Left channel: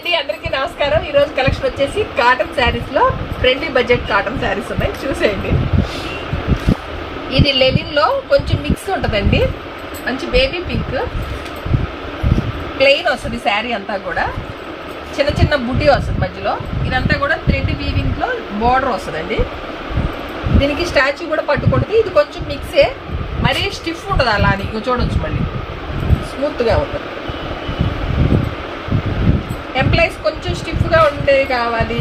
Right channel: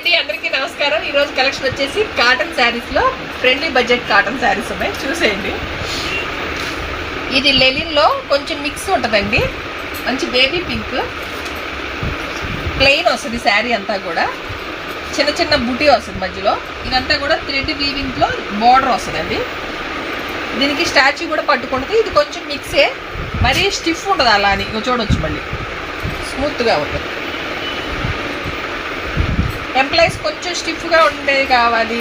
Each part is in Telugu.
అండి, అందరికీ నమస్కారం. ఈ రోజు కలెక్షన్ వచ్చేసి కాటన్ శారీస్ లో ఫ్రెండ్లీ బడ్జెట్ కాటన్ శారీస్ ఉన్నాయి, చూసేయండి. ఇది లెనిన్ లో కొంచెం మిక్స్ ఉంటుందండి. మంచి బేబీ పింక్ ప్లెయిన్ వస్తుంది శారీ అంతా కూడా. చిన్న చిన్న బుటీ వస్తుంది మధ్యలో. ఇదంతా కూడా థ్రెడ్ వీవింగ్ లో బోర్డర్ వస్తుందండి. దీనికి స్టాచ్యూ కూడా పట్టుకుంటుంది. ఇది కొంచెం మిక్సే, మరీ స్టిఫ్ ఉంటుంది అలా అని చూడవచ్చు. మళ్ళీ స్మూత్గా ఉంటుంది. ఎంప్లాయీస్ కొంచెం స్టిఫ్గా ఉండేది కావాలి,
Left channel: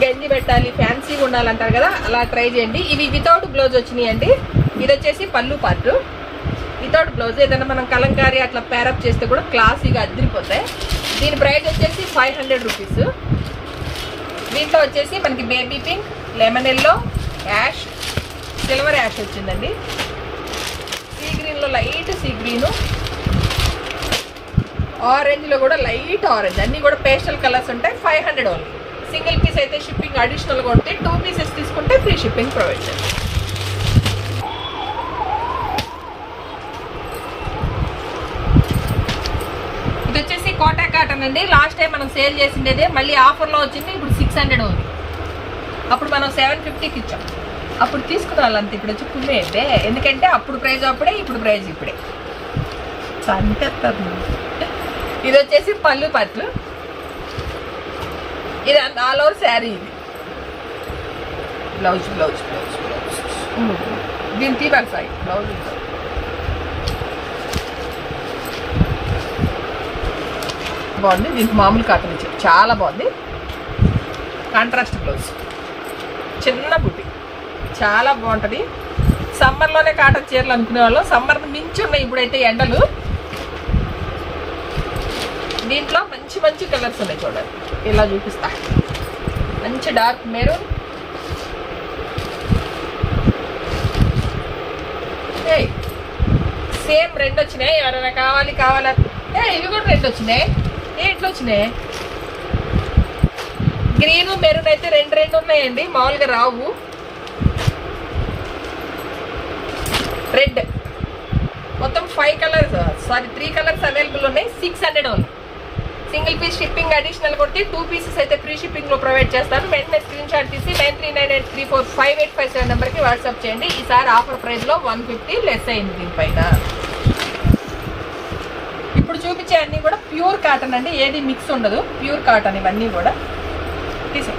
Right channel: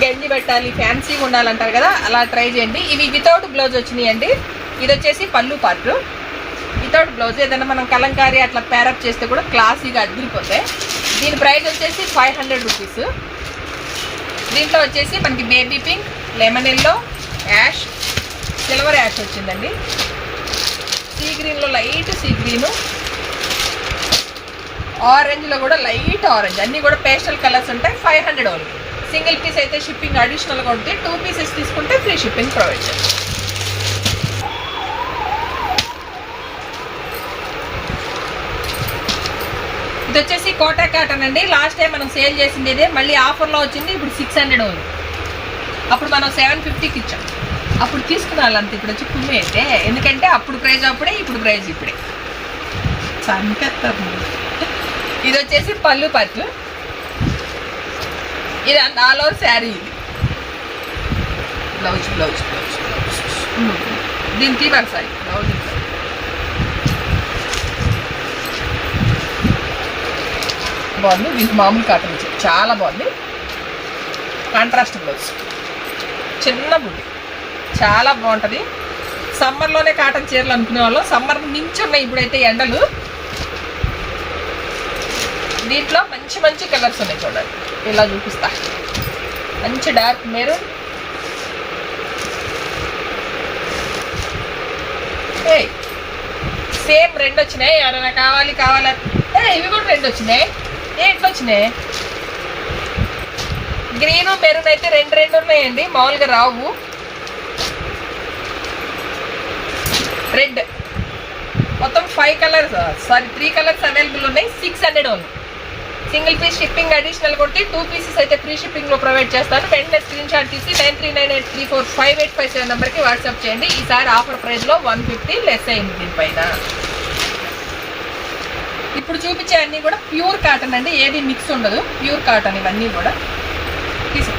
గంజి పెట్టాలి, ఫ్యాన్సీగా ఉండాలంటారు కదా, అలా ట్రై చేయండి. ఇవి వితౌట్ బ్లౌజ్ వచ్చినాయి అండి. ఇది వచ్చేసి పళ్ళు పార్ట్ వితౌట్ బ్లౌజ్. ఏదైనా మనం కలంకారీ అట్లా పేరప్ చేస్తే కూడా క్లాసీగా అద్దరిపోతాయి. దీని ప్రైస్ వచ్చేసి 500 రూపీస్. దీంట్లో వచ్చేసి మనకి baby pink, lemon yellow, ash, silver ash వచ్చిందండి. సీ గ్రీన్లో లైట్ సీ గ్రీను, ఆరెంజ్లో కూడా లైట్ ఆరెంజ్, అన్నీ కూడా పేస్టల్ కలర్స్ ఉంటాయి. 500 ఓన్లీ. సింగిల్ పీస్ అయితే షిప్పింగ్ అడిషనల్గా ఉంటే, 2 పీసెస్ తీసుకుంటే ఫ్రీ షిప్పింగ్ ప్రొవైడ్ చేస్తాం. ఇది వచ్చేసి కోటా కాటన్ అండి. లాస్ట్ టైం మనం సేల్ చేసిండేదే, మళ్ళీ ఆఫర్లో వచ్చింది. ఇప్పుడు 600 ఓన్లీ. అప్పుడు మనం 750కి ఇచ్చాం. అప్పుడు తీసుకున్న వాళ్ళంత ఇప్పుడు వచ్చి కుమ్మే అయితే, ఎందుకంటే అప్పుడు ప్రైజ్ అప్పుడే, ఇప్పుడు ప్రైజ్ ఇప్పుడే. సంకెత్తారు. ఇది వచ్చేసి పళ్ళు పట్టు. ఇది ఆల్ ఓవర్ శారీ. ఇది బ్లౌజ్ బ్లౌజ్ బ్లౌజ్ బ్లౌజ్ దీని తీవాలి సారీ బ్లౌజ్. బాగుంది. దీనికి మామూలు కాటన్ ఇచ్చారు, చాలా బాగుంది. కాంట్రాస్ట్ బ్లౌజ్, చిన్న బుట్టి, చాలా బాగుంటుంది. సమ్మర్లోనే కాటన్ చీరలు అనుకునే వాళ్ళు, సమ్మర్ మించి ఉన్నాయి ఇప్పుడైతే ఎండలు. దీంట్లో మంచి మంచి కలర్స్ ఉన్నాయి చూడండి, ఇలా చూపిస్తా. మంచి డార్క్ మెరూన్, సేమ్ 2 వచ్చినాయి. ఎవరైనా కావాలా ఇవి కూడా 2 వచ్చినాయి. ఇట్లా వచ్చినాయి. గ్రీను మెరూన్ అయితే 2 ఉన్నాయండి, మామూలుగా రావు. రెడ్ మొత్తం 5 కలర్స్, సారీ 3 కలర్స్ అవైలబుల్ ఉన్నాయి. 600 only. Single piece shipping additional కొట్టి 2 పీసెస్ అయితే ఫ్రీ షిప్పింగ్లో ప్రొవైడ్ చేస్తాను. వెంటనే స్క్రీన్ షాట్ తీసి 9398345857 నెంబర్కి వాట్సాప్ చేయండి. ఈసారి ఆఫర్ ప్రైస్లో 150 లెస్ అయింది దీనిపైన. ఇప్పుడు చూపించే అన్నీ కూడా ప్యూర్ కాటన్ అండి, ఏది మిక్స్ ఉండదు. ప్యూర్ కాటన్ ఇవన్నీ కూడా. తీసే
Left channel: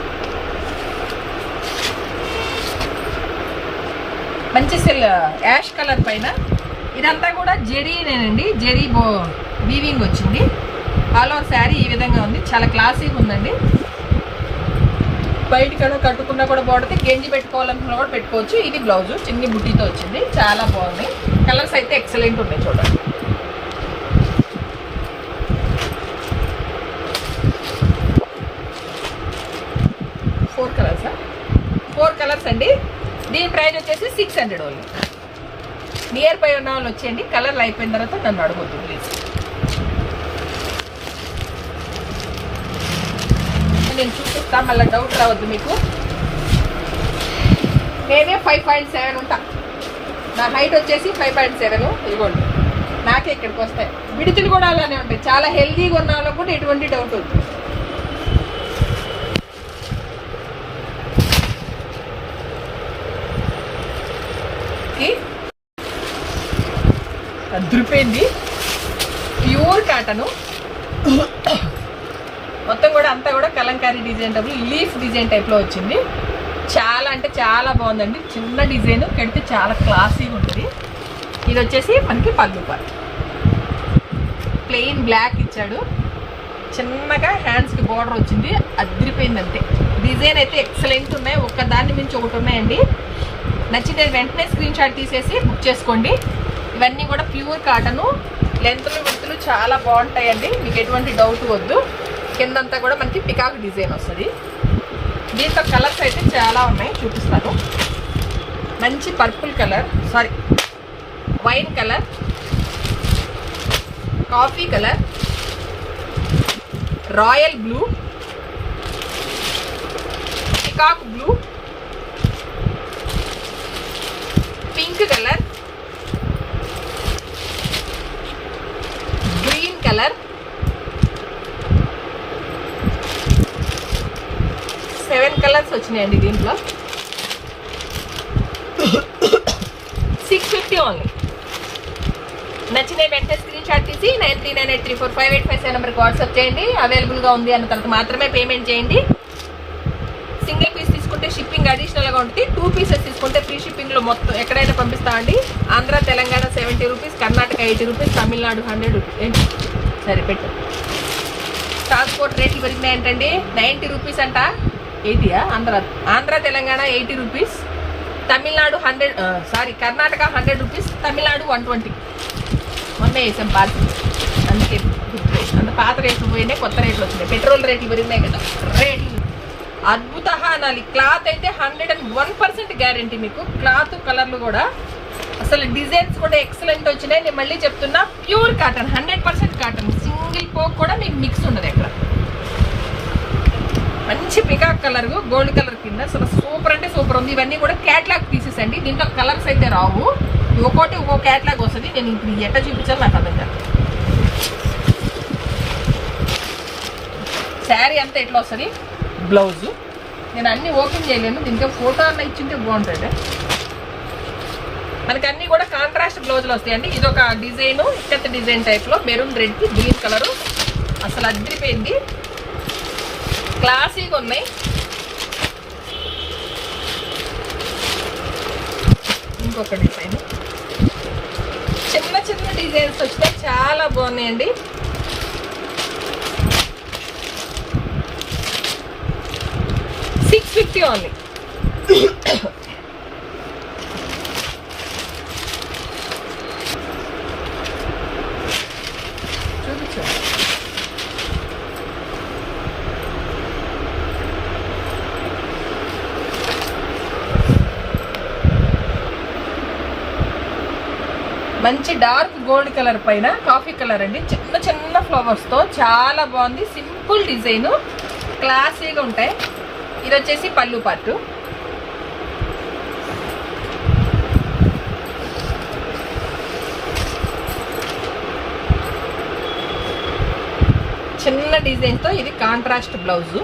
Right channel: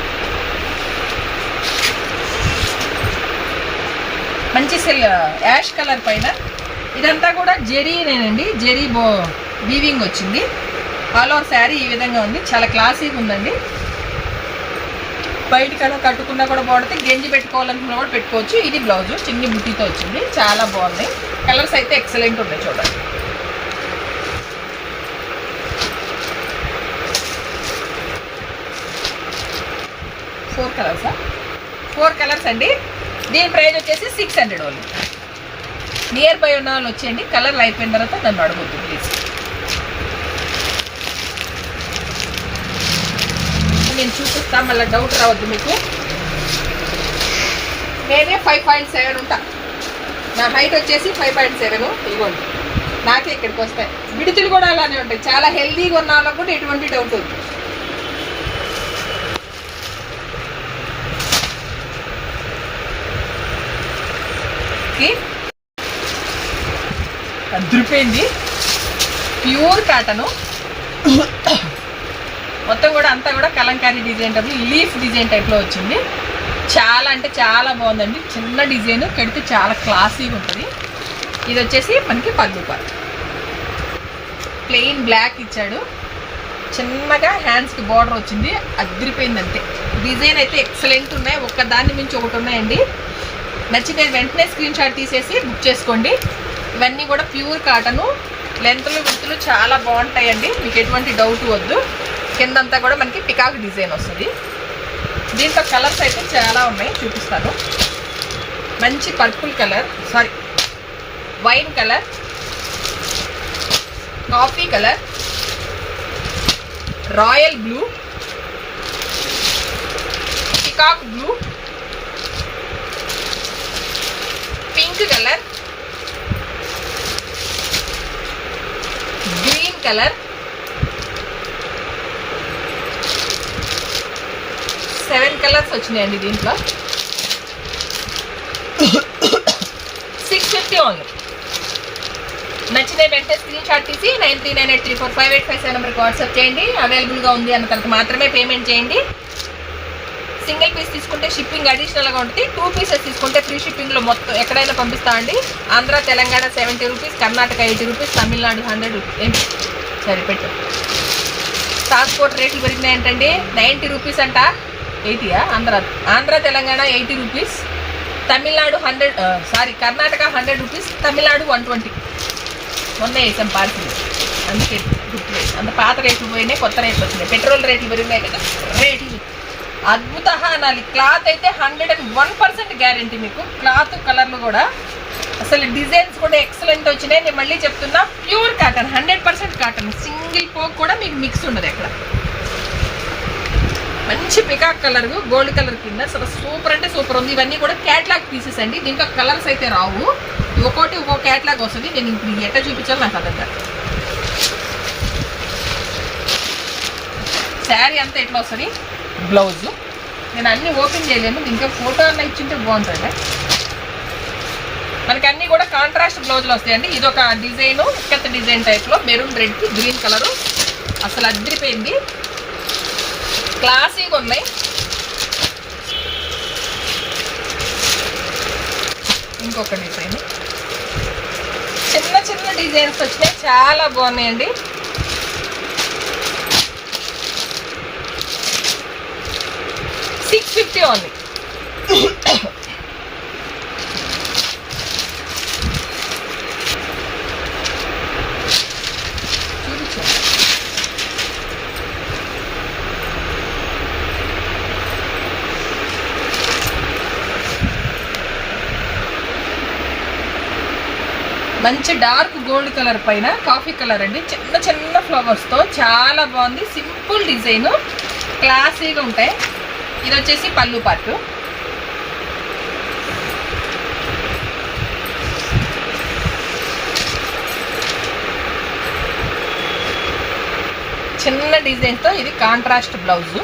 మంచి యాష్ కలర్ పైన. ఇదంతా కూడా జెరీనేనండి, జెరీ వీవింగ్ వచ్చింది. ఆల్ ఓవర్ శారీ ఈ విధంగా ఉంది, చాలా క్లాసీగా ఉందండి. బయటకైనా కట్టుకున్నా కూడా బాగుంటుంది, గెంజి పెట్టుకోవాలనుకున్నా కూడా పెట్టుకోవచ్చు. ఇది బ్లౌజు చిన్ని బుట్టితో వచ్చింది, చాలా బాగుంది. కలర్స్ అయితే ఎక్సలెంట్ ఉన్నాయి చూడండి. ఫోర్ కలర్స్ అండి. దీని ప్రైస్ వచ్చేసి 600 ఓన్లీ. నియర్ బై ఉన్న వాళ్ళు వచ్చేయండి. కలర్లు అయిపోయిన తర్వాత దాన్ని అడగొద్దు ప్లీజ్. నేను చూపిస్తా, మళ్ళీ డౌట్ రావద్దు మీకు. నేనే 5.7 ఉంటా. నా హైట్ వచ్చేసి 5.7. ఇదిగోండి, నాకే ఇక్కడికి వస్తాయి. విడుతులు కూడా అలానే ఉంటాయి. చాలా హెల్దీగా ఉన్న వాళ్ళకు కూడా ఎటువంటి డౌట్ వద్దు. అదిరిపోయింది. ప్యూర్ కాటను మొత్తం కూడా. అంతా కూడా Kalamkari design type, leaf design టైప్లో వచ్చింది. చాలా అంటే చాలా బాగుందండి. చిన్న డిజైన్ కడితే చాలా క్లాసీగా ఉంటుంది. ఇది వచ్చేసి మనకి పళ్ళు పార్ట్. ప్లెయిన్ బ్లాక్ ఇచ్చాడు, చిన్నగా హ్యాండ్స్కి బార్డర్ వచ్చింది. అదిరిపోయింది అంతే. డిజైన్ అయితే ఎక్సలెంట్ ఉన్నాయి, ఒక్కదాన్ని మించి ఒకటి ఉన్నాయండి. నచ్చితే వెంటనే స్క్రీన్ షాట్ తీసేసి బుక్ చేసుకోండి. ఇవన్నీ కూడా ప్యూర్ కాటను. లెంత్లు విత్తులు చాలా బాగుంటాయండి, మీకు ఎటువంటి డౌట్ వద్దు. కిందంతా కూడా మనకి పికాక్ డిజైన్ వస్తుంది. దీంట్లో కలర్స్ అయితే చాలా ఉన్నాయి, చూపిస్తాను. మంచి purple colour, sorry wine colour, coffee colour, royal blue, peacock blue, pink colour, green colour, colours వచ్చినాయండి దీంట్లో. 650 ఓన్లీ. నచ్చితే వెంటనే స్క్రీన్ షాట్ తీసి 9398345857 నెంబర్కి వాట్సాప్ చేయండి. అవైలబుల్గా ఉంది అన్న తర్వాత మాత్రమే పేమెంట్ చేయండి. సింగిల్ పీస్ తీసుకుంటే షిప్పింగ్ అడిషనల్గా ఉంటుంది. 2 పీసెస్ తీసుకుంటే ఫ్రీ షిప్పింగ్లో మొత్తం ఎక్కడైతే పంపిస్తామండి. Andhra Telangana 70 rupees, Karnataka 80 rupees, Tamil Nadu 100 rupees. ఏంటి సరే పెట్టు. ట్రాన్స్పోర్ట్ రేట్లు పెరిగినాయి ఏంటండి, 90 రూపీస్ అంట. 80యా? Andhra Telangana 80 rupees, Tamil Nadu Karnataka 100 rupees, Tamil Nadu 120. మొన్న వేసాం పార్సల్, అందుకే అంత పాత రేట్లు పోయినాయి, కొత్త రేట్లు వచ్చినాయి. పెట్రోల్ రేట్లు పెరిగినాయి కదా, రేట్లు అద్భుత అనాలి. క్లాత్ అయితే 101% గ్యారంటీ మీకు. క్లాత్ కలర్లు కూడా అసలు డిజైన్స్ కూడా ఎక్సలెంట్ వచ్చినాయి. నేను మళ్ళీ చెప్తున్నా, pure cotton, 100% cotton. Single poke కూడా మీకు మిక్స్ ఉండదు ఎక్కడ. మంచి పికాక్ కలర్, గోల్డ్ కలర్ కింద అసలు సూపర్ అంటే సూపర్ ఉంది. ఇవన్నీ కూడా క్యాట్లాగ్ పీసెస్ అండి. దీంట్లో కలర్స్ అయితే రావు, ఒక్కోటి ఒక్కో క్యాట్లాగ్ వస్తుంది. నేను ఇప్పుడు ఎట్లా చూపించాలి నాకు అర్థం కాదు. శారీ అంతా ఎట్లా వస్తుంది, బ్లౌజ్ నేను అన్నీ ఓపెన్ చేయలేను, దీంట్లో ఫోటో అన్న ఇచ్చింటే బాగుంటుంది. మనకి అన్నీ కూడా కాంట్రాస్ట్ బ్లౌజులు వస్తాయండి. ఇది ఒక డిజైను, ఇక్కత డిజైన్ టైప్లో మెరూన్ రెడ్కి గ్రీన్ కలరు అసలు అద్దరిపోయింది. క్లాసీగా ఉన్నాయి. ఇంకొక డిజైన్, చిన్న చిన్న డిజైన్స్ వచ్చినాయి, చాలా బాగున్నాయండి. $650 ఓన్లీ. చూపించు. మంచి డార్క్ గోల్డ్ కలర్ పైన కాఫీ కలర్ అండి, చిన్న చిన్న ఫ్లవర్స్తో చాలా బాగుంది. సింపుల్ డిజైన్, క్లాసీగా ఉంటాయి. ఇది వచ్చేసి పళ్ళు పార్టు. చిన్న డిజైన్తో ఇది కాంట్రాస్ట్ బ్లౌజు.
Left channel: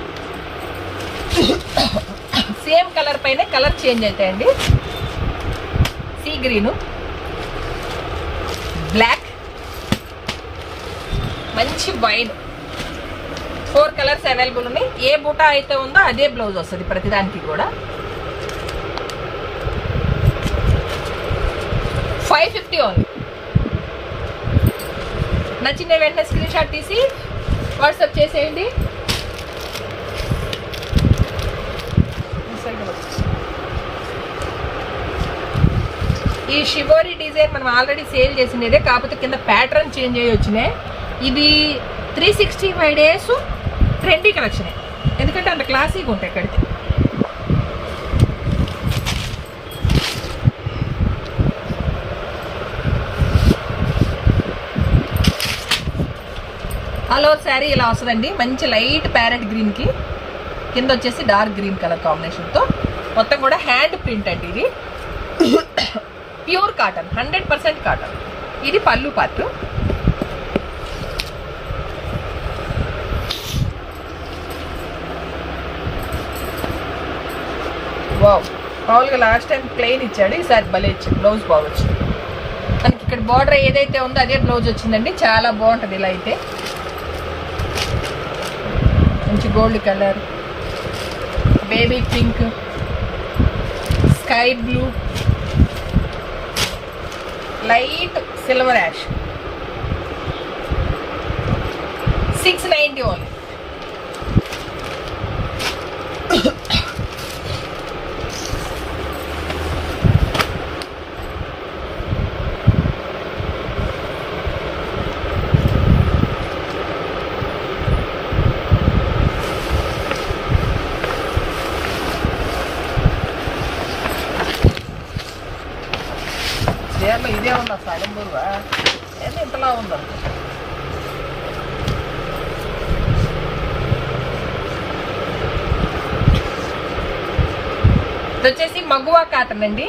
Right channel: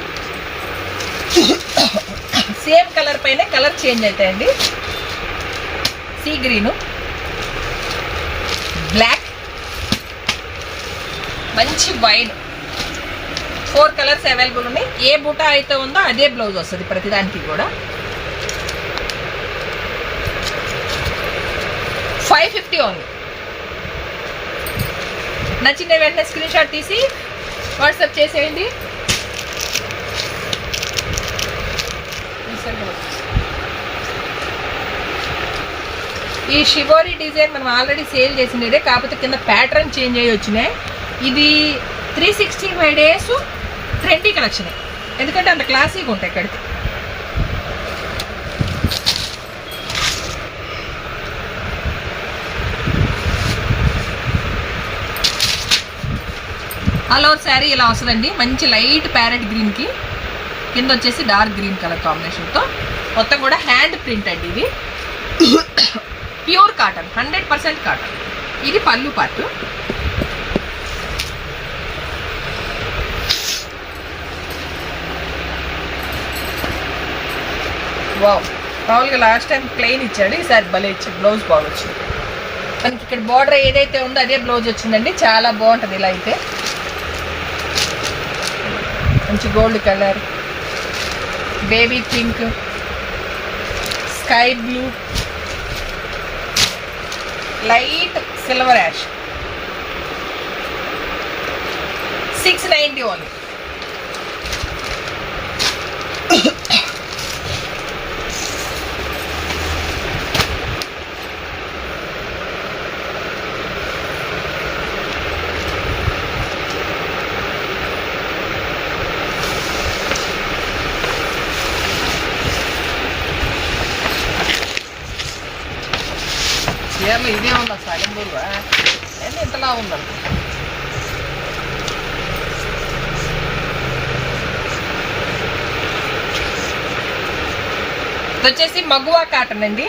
సేమ్ కలర్ పైన కలర్ చేంజ్ అవుతాయండి. సీ గ్రీను, బ్లాక్, మంచి వైట్, 4 కలర్స్ అవైలబుల్ ఉన్నాయి. ఏ బూటా అయితే ఉందో అదే బ్లౌజ్ వస్తుంది ప్రతిదానికి కూడా. 550 ఓన్లీ. నచ్చిన వెంటనే స్క్రీన్ షాట్ తీసి వాట్సాప్ చేసేయండి. ఈ షివోరీ డిజైన్ మనం ఆల్రెడీ సేల్ చేసినదే, కాకపోతే కింద ప్యాటర్న్ చేంజ్ అయ్యి వచ్చినాయి. ఇది 365 డేస్ ట్రెండీ కలెక్షన్, ఎందుకంటే అంత క్లాసీగా ఉంటాయి. ఇక్కడికి ఆల్ ఓవర్ శారీ ఇలా వస్తుందండి. మంచి లైట్ ప్యారెట్ గ్రీన్కి కింద వచ్చేసి డార్క్ గ్రీన్ కలర్ కాంబినేషన్తో మొత్తం కూడా హ్యాండ్ ప్రింట్ అండి. ఇది ప్యూర్ కాటన్, 100% కాటన్. ఇది పళ్ళు పార్ట్. వావ్, మామూలుగా లాస్ట్ టైం ప్లెయిన్ ఇచ్చాడు, ఈసారి భలే ఇచ్చాడు. బ్లౌజ్ బాగా వచ్చింది మనకి. ఇక్కడ బార్డర్ ఏదైతే ఉందో అదే బ్లౌజ్ వచ్చిందండి. చాలా బాగుంటుంది ఇలా అయితే. మంచి gold colour, baby pink, sky blue, light silver ash. 690 only. ఇదే ఉందా సగంబూరువా? అయితే ఇంతలా ఉందండి. ఇది వచ్చేసి మగువా కాటన్ అండి.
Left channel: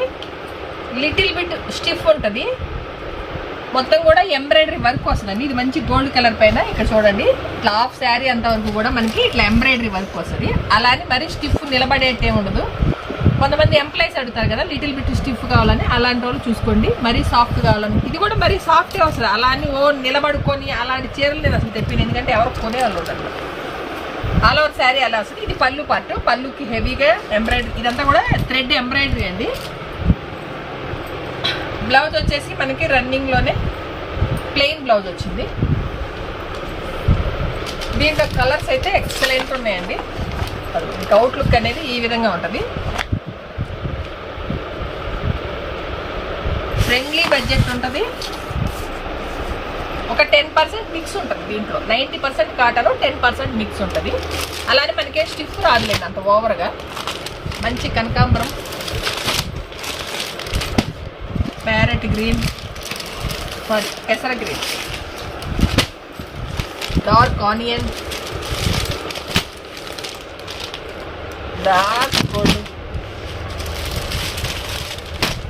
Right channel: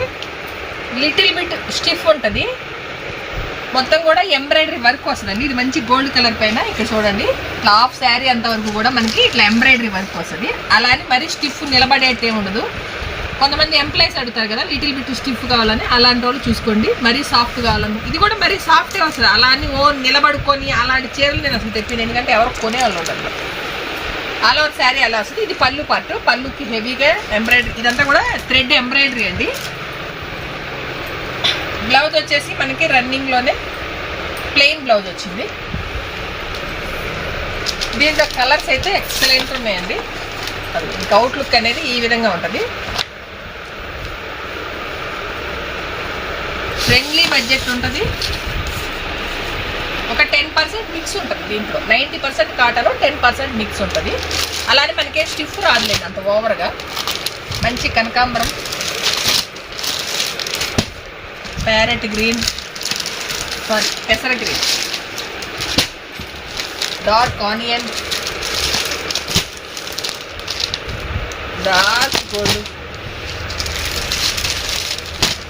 లిటిల్ బిట్ స్టిఫ్ ఉంటుంది. మొత్తం కూడా ఎంబ్రాయిడరీ వర్క్ వస్తుందండి. ఇది మంచి గోల్డ్ కలర్ పైన ఇక్కడ చూడండి ఇట్లా హాఫ్ శారీ అంతవరకు కూడా మనకి ఇట్లా ఎంబ్రాయిడరీ వర్క్ వస్తుంది. అలా అని మరీ స్టిఫ్ నిలబడేట్టే ఉండదు. కొంతమంది ఎంప్లాయీస్ అడుగుతారు కదా లిటిల్ బిట్ స్టిఫ్ కావాలని, అలాంటి వాళ్ళు చూసుకోండి. మరీ సాఫ్ట్ కావాలని, ఇది కూడా మరీ సాఫ్ట్గా వస్తుంది. అలా అని నిలబడుకొని అలాంటి చీరలు నేను అసలు తెప్పిన, ఎందుకంటే ఎవరు కొనేవాళ్ళు ఉండదు. ఆల్ ఓవర్ శారీ అలా వస్తుంది. ఇది పళ్ళు పార్ట్, పళ్ళుకి హెవీగా ఎంబ్రాయిడరీ, ఇదంతా కూడా థ్రెడ్ ఎంబ్రాయిడరీ అండి. బ్లౌజ్ వచ్చేసి మనకి రన్నింగ్లోనే ప్లెయిన్ బ్లౌజ్ వచ్చింది. దీంట్లో కలర్స్ అయితే ఎక్సలెంట్ ఉన్నాయండి. ఇంకా అవుట్లుక్ అనేది ఈ విధంగా ఉంటుంది. ఫ్రెండ్లీ బడ్జెట్ ఉంటుంది. ఒక 10% మిక్స్ ఉంటుంది దీంట్లో. 90% కాటన్, 10% మిక్స్ ఉంటుంది. అలానే మనకే స్టిఫ్ రాదులేండి అంత ఓవర్గా. మంచి కనకాంబరం, ప్యారెట్ గ్రీన్, సారీ పెసర green, dark onion, dark gold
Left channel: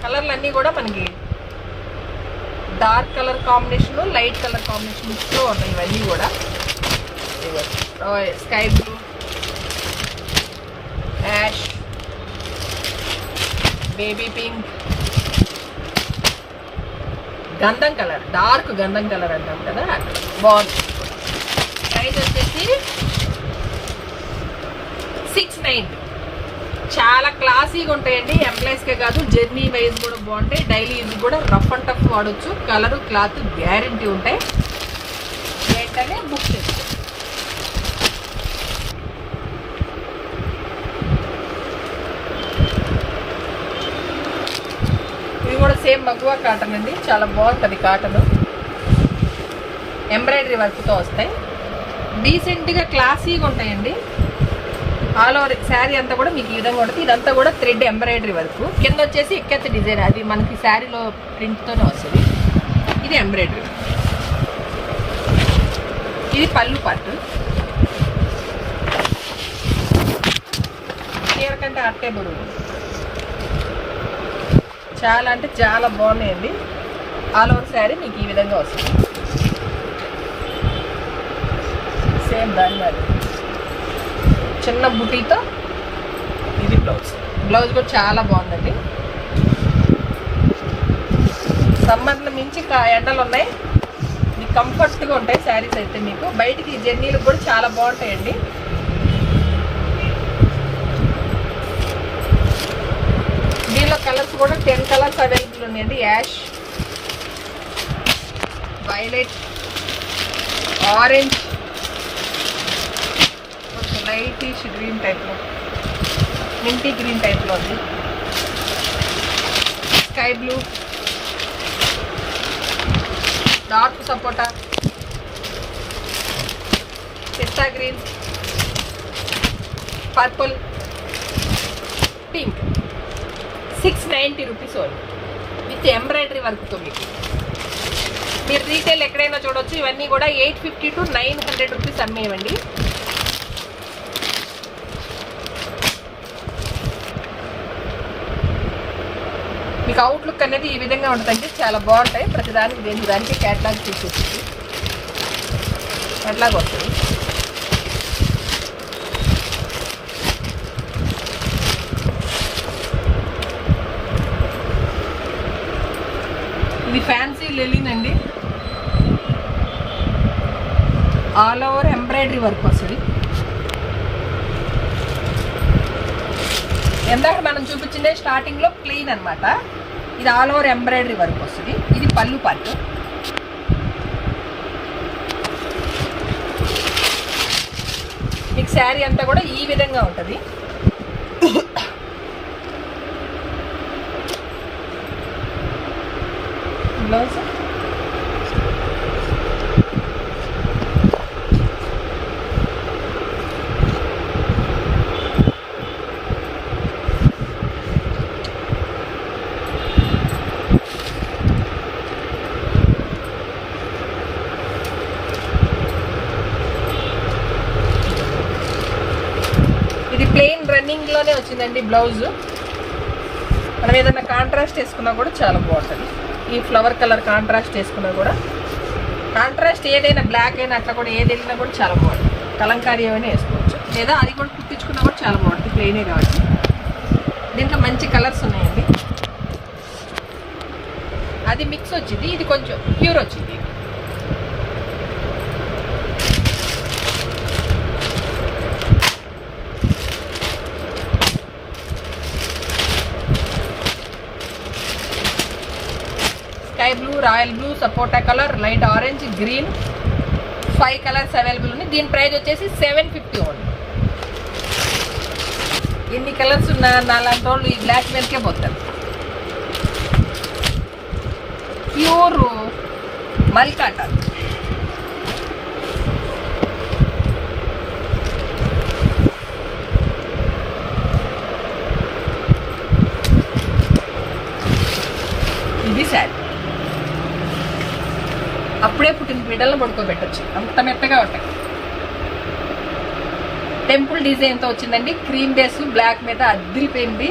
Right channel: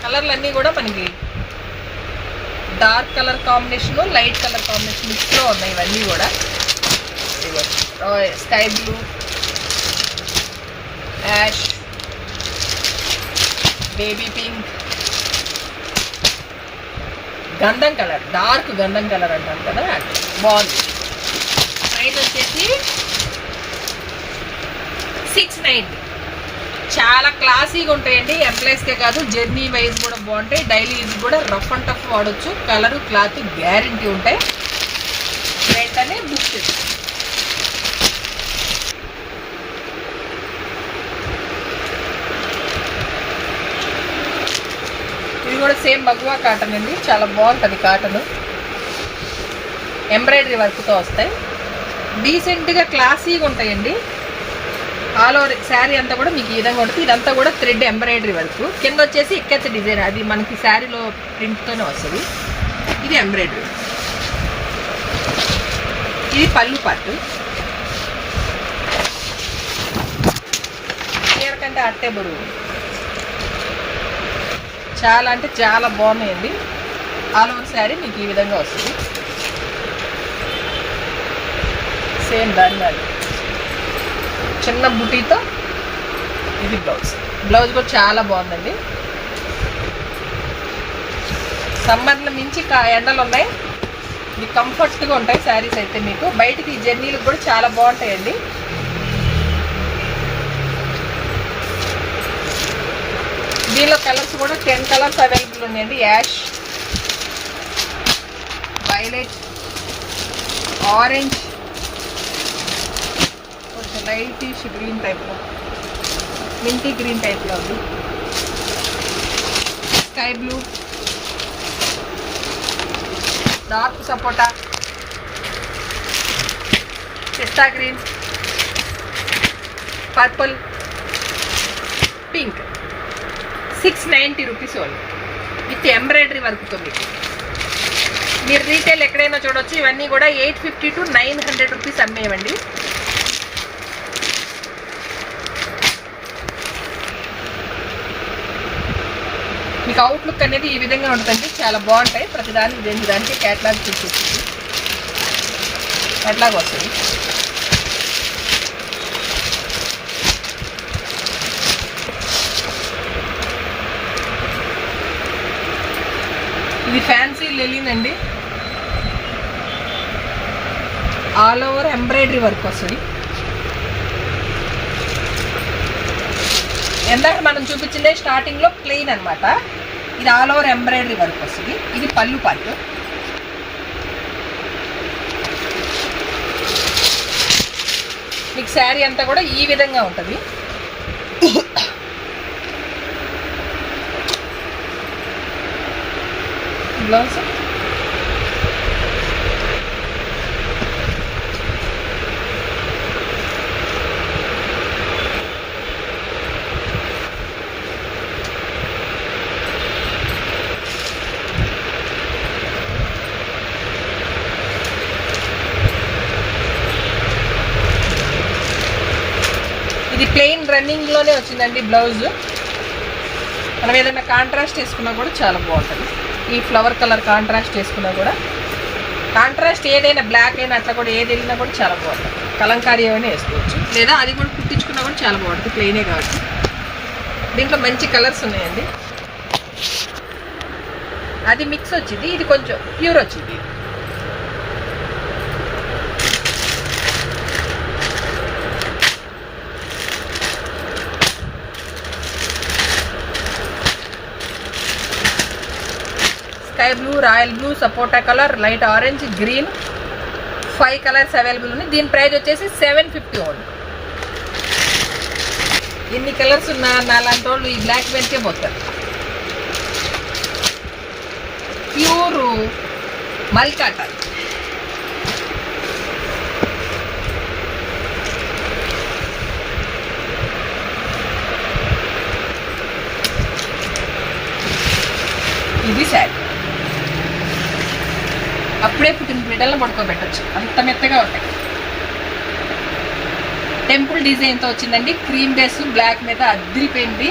కలర్లు అన్నీ కూడా మనకి dark colour combination, light colour combination మిక్స్లో ఉన్నాయి ఇవన్నీ కూడా. Sky blue, ash, baby pink, గంధం కలర్, డార్క్ గంధం కలర్ అంటాం కదా, బాగుంది. ప్రైస్ వచ్చేసి 690. చాలా క్లాసీగా ఉంటాయండి. ఎంప్లాయీస్కే కాదు, జర్నీ వైజ్ కూడా బాగుంటాయి. డైలీ యూజ్ కూడా రఫ్ అండ్ టఫ్ వాడచ్చు. కలరు క్లాత్ గ్యారంటీ ఉంటాయి. వెంటనే బుక్ చేసుకోండి. ఇది కూడా సేమ్ మగువా కాటన్ అండి. చాలా బాగుంటుంది కాటన్. ఎంబ్రాయిడరీ వర్క్తో వస్తాయి. డీసెంట్గా క్లాసీగా ఉంటాయండి. ఆల్ ఓవర్ శారీ అంతా కూడా మీకు ఈ విధంగా ఉంటుంది. ఇదంతా కూడా థ్రెడ్ ఎంబ్రాయిడరీ వర్క్. కింద వచ్చేసి ఎక్కత్త డిజైన్, అది మనకి శారీలో ప్రింట్తోనే వస్తుంది. ఇది ఎంబ్రాయిడరీ. ఇది పళ్ళు పార్ట్. చీర కంటే అట్టే బరువు. చాలా అంటే చాలా బాగున్నాయండి. ఆల్ ఓవర్ శారీ మీకు ఈ విధంగా వస్తుంది. సేమ్ దాని చిన్న బుటీతో ఇది బ్లౌజ్. బ్లౌజ్ కూడా చాలా బాగుందండి. సమ్మర్లో మించి ఎండలు ఉన్నాయి. ఇది కంఫర్ట్గా ఉంటాయి శారీస్ అయితే. మీకు బయటికి జర్నీలకు కూడా చాలా బాగుంటాయండి. దీనిలో కలర్స్ కూడా 10 కలర్స్ అవైలబుల్ ఉన్నాయండి. Ash, violet, orange, lightish green టైప్లో, మింటీ గ్రీన్ టైప్లో ఉంది, sky blue, dark sapota, pista green, purple, pink. 690 rupees only with embroidery వర్క్తో. మీకు మీరు రీటైల్ ఎక్కడైనా చూడవచ్చు. ఇవన్నీ కూడా 850 to 900 రూపీస్ అమ్మేవండి. మీకు అవుట్లుక్ అనేది ఈ విధంగా ఉంటుందండి. చాలా బాగుంటాయి. ప్రతిదానికి దేనికి క్యాట్లాగ్ తీసేస్తుంది. క్యాట్లాగ్ వస్తుంది. ఇది ఫ్యాన్సీ లెలిన్ అండి. ఆల్ ఓవర్ ఎంబ్రాయిడరీ వర్క్ వస్తుంది. ఎందాక మనం చూపించిందే స్టార్టింగ్లో ప్లెయిన్ అనమాట. ఇది ఆల్ ఓవర్ ఎంబ్రాయిడరీ వర్క్ వస్తుంది. ఇది పళ్ళు పార్ట్. మీకు శారీ అంతా కూడా ఈ విధంగా ఉంటుంది. బ్లౌజ్ ఇది ప్లెయిన్ రన్నింగ్లోనే వచ్చిందండి బ్లౌజ్. మనం ఏదైనా కాంట్రాస్ట్ వేసుకున్నా కూడా చాలా బాగుంటుంది. ఈ ఫ్లవర్ కలర్ కాంట్రాస్ట్ వేసుకున్నా కూడా, కాంట్రాస్ట్ ఏదైనా బ్లాక్ అయినా అట్లా కూడా ఏది వెళ్ళినా కూడా చాలా బాగుంటుంది. కలంకారీ ఏమైనా వేసుకోవచ్చు, లేదా అది కూడా కుట్టించుకున్నా కూడా చాలా బాగుంటుంది, ప్లెయినే కాబట్టి. దీంట్లో మంచి కలర్స్ ఉన్నాయండి. అది మిక్స్ వచ్చింది, ఇది కొంచెం ప్యూర్ వచ్చింది. స్కై బ్లూ, రాయల్ బ్లూ, సపోటా colour, light orange, green, 5 colours available ఉన్నాయి. దీని ప్రైస్ వచ్చేసి 750 ఓన్లీ. ఎన్ని కలర్స్ ఉన్నా నాలాంటి వాళ్ళు ఈ బ్లాక్ మీదకే పోతారు. ప్యూర్ మల్కాట, ఇది శారీ. అప్పుడే పుట్టిన బిడ్డలను పడుకోబెట్టచ్చు, అంత మెత్తగా ఉంటాయి. టెంపుల్ డిజైన్తో వచ్చిందండి. క్రీమ్ బేస్ బ్లాక్ మీద అద్దిరిపోయింది.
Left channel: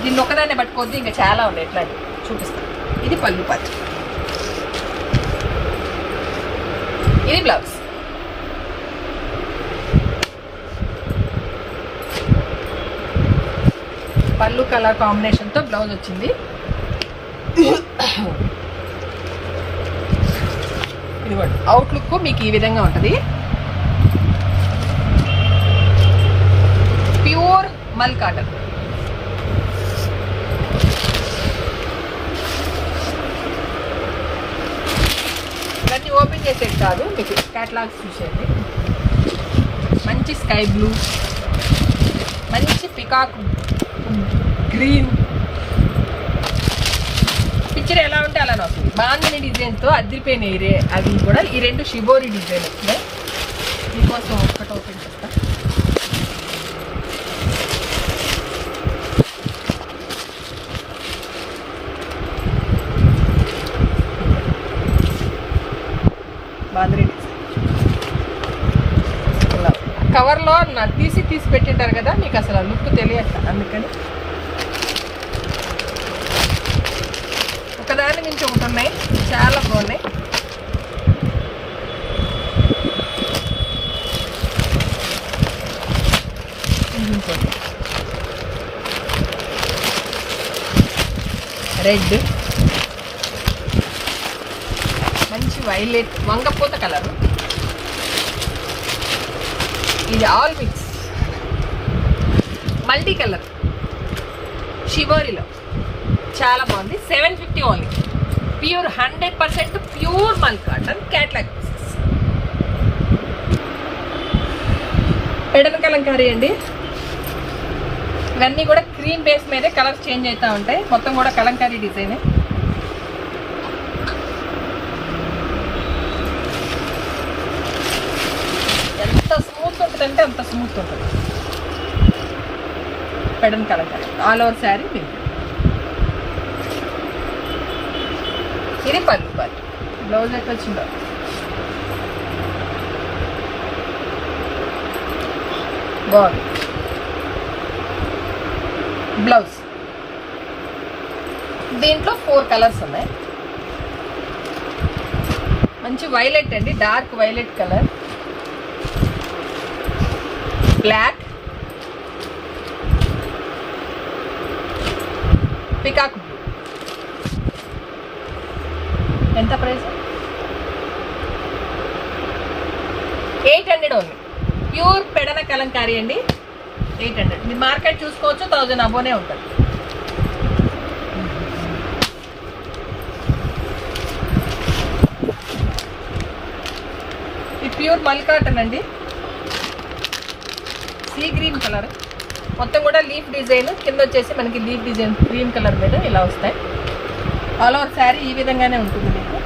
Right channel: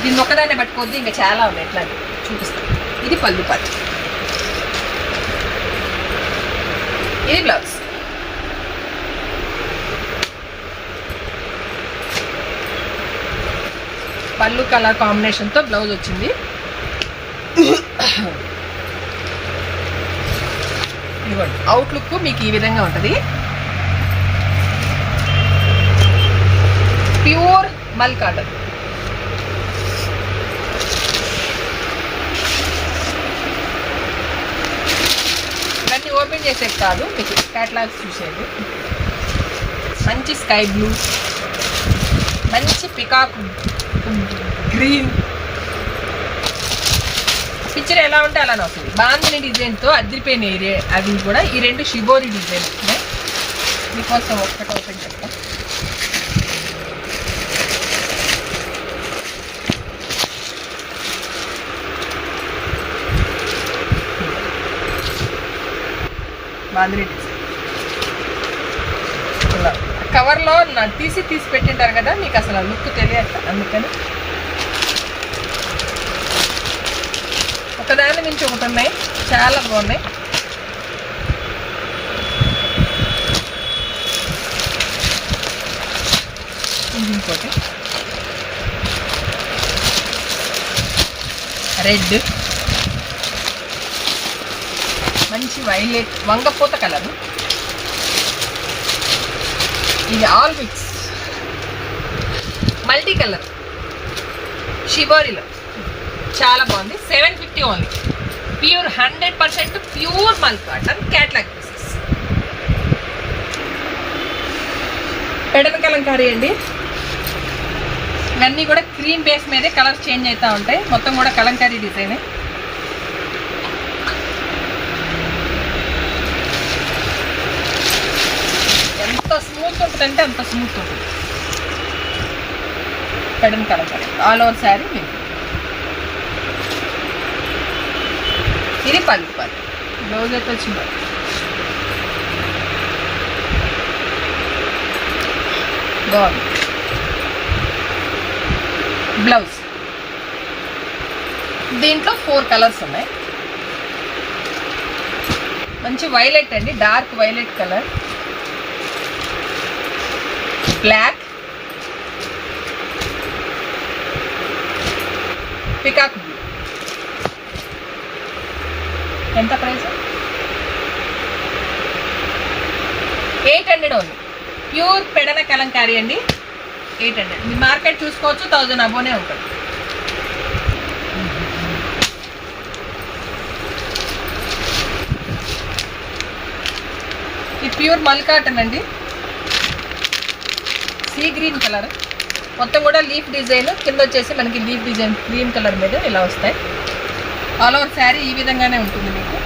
దీన్ని ఒక్కదాన్నే పట్టుకోవద్దు, ఇంకా చాలా ఉన్నాయి, ఎట్లా చూపిస్తాను. ఇది పళ్ళు పార్ట్, ఇది బ్లౌజ్. పళ్ళు కలర్ కాంబినేషన్తో బ్లౌజ్ వచ్చింది. ఇదిగోండి, అవుట్లుక్ మీకు ఈ విధంగా ఉంటుంది. ప్యూర్ మల్ కాటన్. ఇవన్నీ ఓపెన్ చేసేది కాదు, మీకు క్యాటలాగ్స్ చూసేది. మంచి స్కై బ్లూ, మంచి పికాక్ గ్రీన్, పిక్చర్ ఎలా ఉంటే అలానే వస్తుంది. బాందిని డిజైన్తో అదిరిపోయినాయి అవి కూడా. ఈ 2 షిబోరి డిజైన్ వచ్చినాయి. మీకోసం ఒక్కటి ఓపెన్ చెప్తా. బాందిని డిజైన్ కవర్లో తీసి పెట్టింటారు కదా, మీకు అసలు లుక్ తెలియట్ల. అందుకని ఒకదాని నుంచి ఒకటి ఉన్నాయి, చాలా బాగున్నాయి. ఇంకోటి రెడ్, మంచి వైలెట్ వంగపోత కలరు. ఇది ఆల్ మిక్స్ మల్టీ కలర్ షిబోరిలో చాలా బాగుంది. 750 ఓన్లీ. ప్యూర్ 100% ప్యూర్ మల్ cotton catalogue pieces. Pedana kalamkari అండి. ఇవన్నీ కూడా క్రీమ్ బేస్ మీదే కలర్స్ చేంజ్ అవుతూ ఉంటాయి. మొత్తం కూడా కలంకారీ డిజైన్. ఎంత స్మూత్ ఉంటుందంటే అంత స్మూత్ ఉంటుంది. Pedana Kalamkari all over sari. ఇది పళ్ళు పార్ట్, బ్లౌజ్ అయితే వచ్చింది. బాగుంది బ్లౌజ్. దీంట్లో 4 కలర్స్ ఉన్నాయి. మంచి వైలెట్ అండి, dark violet colour, black, peacock blue. ఎంత price? 800 only. Pure Pedana kalamkari అండి. 800. మీ మార్కెట్ చూసుకోవచ్చు, 1000 అబోనే ఉంటుంది. ఇది ప్యూర్ మల్ కాటన్ అండి. సీ గ్రీన్ కలర్, మొత్తం కూడా లీఫ్ డిజైన్. కింద వచ్చేసి మనకి లీఫ్ డిజైన్ గ్రీన్ కలర్ మీద ఇలా వస్తాయి. ఆల్ ఓవర్ శారీ ఈ విధంగానే ఉంటుంది మీకు.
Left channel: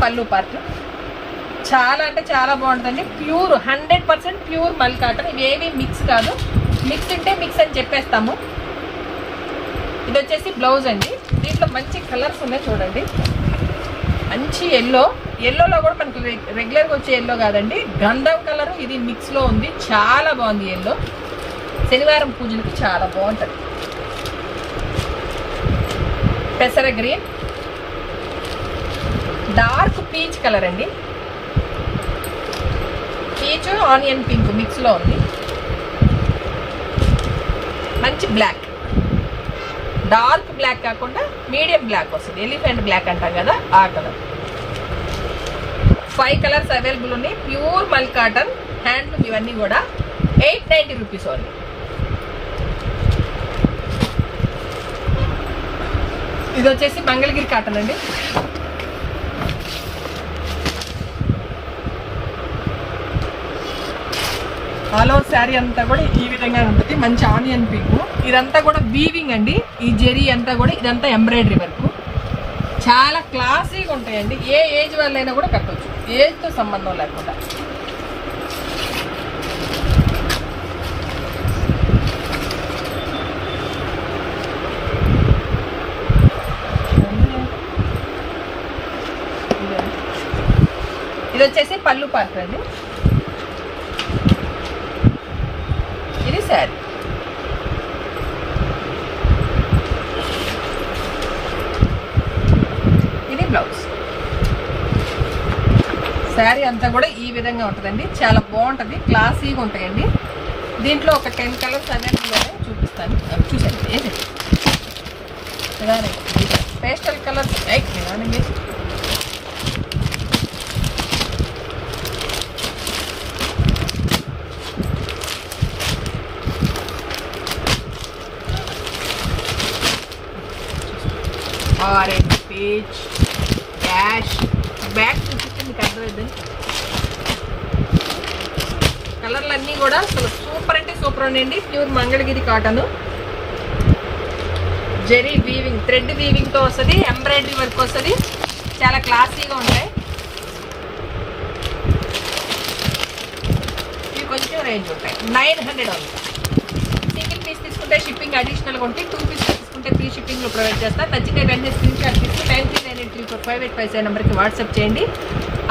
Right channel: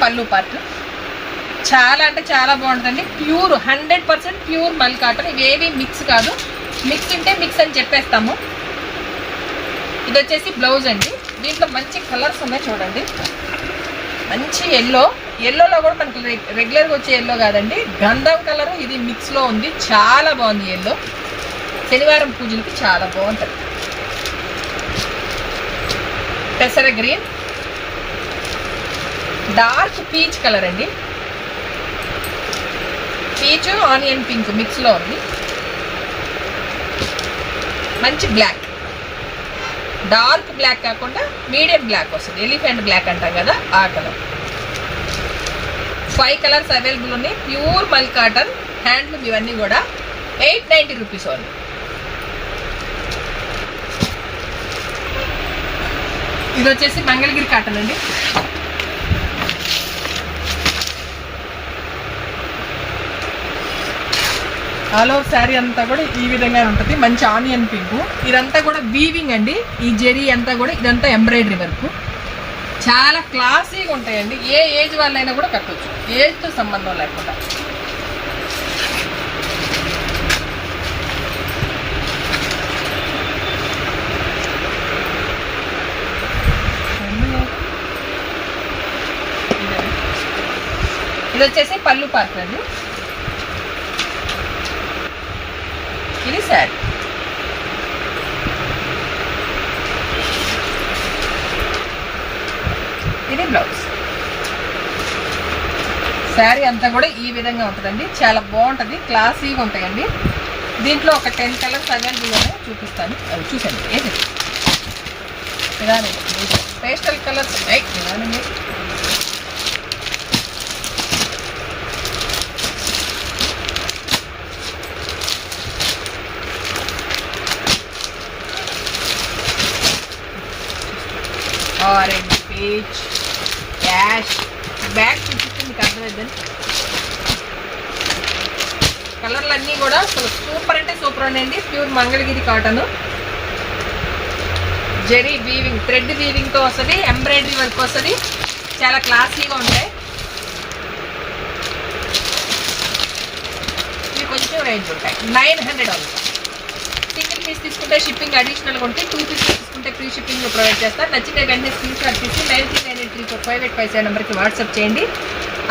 పళ్ళు పార్ట్ చాలా అంటే చాలా బాగుంటుందండి. ప్యూర్ 100% ప్యూర్ మల్ కాటన్. ఇవేవి మిక్స్ కాదు, మిక్స్ ఉంటే మిక్స్ అని చెప్పేస్తాము. ఇది వచ్చేసి బ్లౌజ్ అండి. దీంట్లో మంచి కలర్స్ ఉన్నాయి చూడండి. మంచి ఎల్లోలో కూడా మనకు రెగ్యులర్గా వచ్చే ఎల్లో కాదండి, గంధం కలర్ ఇది మిక్స్లో ఉంది. చాలా బాగుంది ఎల్లో. శనివారం పూజలకి చాలా బాగుంటుంది. పెసర గ్రీన్, డార్క్ పీచ్ కలర్ అండి. పీచ్ ఆనియన్ పింక్ మిక్స్లో ఉంది. మంచి బ్లాక్, డార్క్ బ్లాక్ కాకుండా మీడియం బ్లాక్ వస్తుంది. ఎలిఫెంట్ బ్లాక్ అంటాం కదా ఆ కలర్. 5 కలర్స్ అవైలబుల్ ఉన్నాయి. ప్యూర్ మల్ కాటన్ హ్యాండ్లూమ్ ఇవన్నీ కూడా 890 రూపీస్ ఓన్లీ. ఇది వచ్చేసి మంగళగిరి కాటన్ అండి. ఆల్ ఓవర్ శారీ అంతా కూడా ఈ విధంగా ఉంటుంది. మంచి ఆనియన్ పింక్. ఇదంతా కూడా వీవింగ్ అండి. ఈ జెరీ అంతా కూడా ఇదంతా ఎంబ్రాయిడరీ వర్క్. చాలా క్లాసీగా ఉంటాయండి. ఏ ఏజ్ వాళ్ళైనా కూడా కట్టవచ్చు, ఏజ్తో సంబంధం లేకుండా. ఇది వచ్చేసి పళ్ళు పార్క్ అండి. ఇది శారీ. ఇది బ్లౌజ్. శారీ అంతా కూడా ఈ విధంగా ఉంటుందండి. చాలా బాగుంటుంది, క్లాసీగా ఉంటాయండి. దీంట్లో ఒక 10 కలర్స్ అవైలబుల్ చూపిస్తాను, చూసాను. ఏది ఇలానే పేస్టల్ కలర్స్ ఇలానే. Orange, peach, cash. బ్యాగ్ చూపిస్తే మీకు అర్థమైందండి. కలర్లు అన్నీ కూడా అసలు సూపర్ అంటే సూపర్ అండి. Pure Mangalagiri cotton. Zari weaving, thread వీవింగ్తో వస్తుంది. ఎంబ్రాయిడరీ వర్క్ వస్తుంది. చాలా క్లాసీగా ఉంటాయి. ఇవి కొంచెం రేంజ్ ఉంటాయి. 900 అవుతుంది. సింగిల్ పీస్ తీసుకుంటే షిప్పింగ్ అడిషనల్గా ఉంటాయి. 2 పీస్ తీసుకుంటే ఫ్రీ షిప్పింగ్ ప్రొవైడ్ చేస్తారు. నచ్చితే వెంటనే స్క్రీన్ షాట్ తీసి 9398345857 నెంబర్కి వాట్సాప్ చేయండి.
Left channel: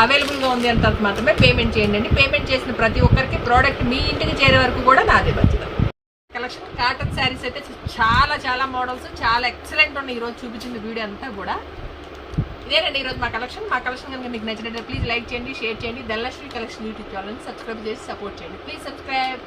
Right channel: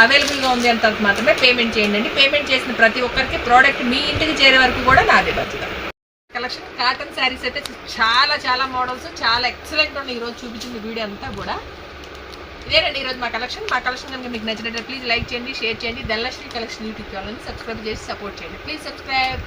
అవైలబుల్గా ఉంది అంత మాత్రమే పేమెంట్ చేయండి. పేమెంట్ చేసిన ప్రతి ఒక్కరికి ప్రోడక్ట్ మీ ఇంటికి చేరే వరకు కూడా నాదే బాధ్యత. కలెక్షన్ కాటన్ శారీస్ అయితే చాలా చాలా మోడల్స్, చాలా ఎక్సలెంట్ ఉన్నాయి. ఈరోజు చూపించిన వీడియో అంతా కూడా ఇదేనండి ఈరోజు మా కలెక్షన్. మా కలెక్షన్ కనుక మీకు నచ్చినట్లయితే ప్లీజ్ లైక్ చేయండి, షేర్ చేయండి. ధనలక్ష్మి కలెక్షన్ యూట్యూబ్ ఛానల్ని సబ్స్క్రైబ్ చేసి సపోర్ట్ చేయండి. Please subscribe.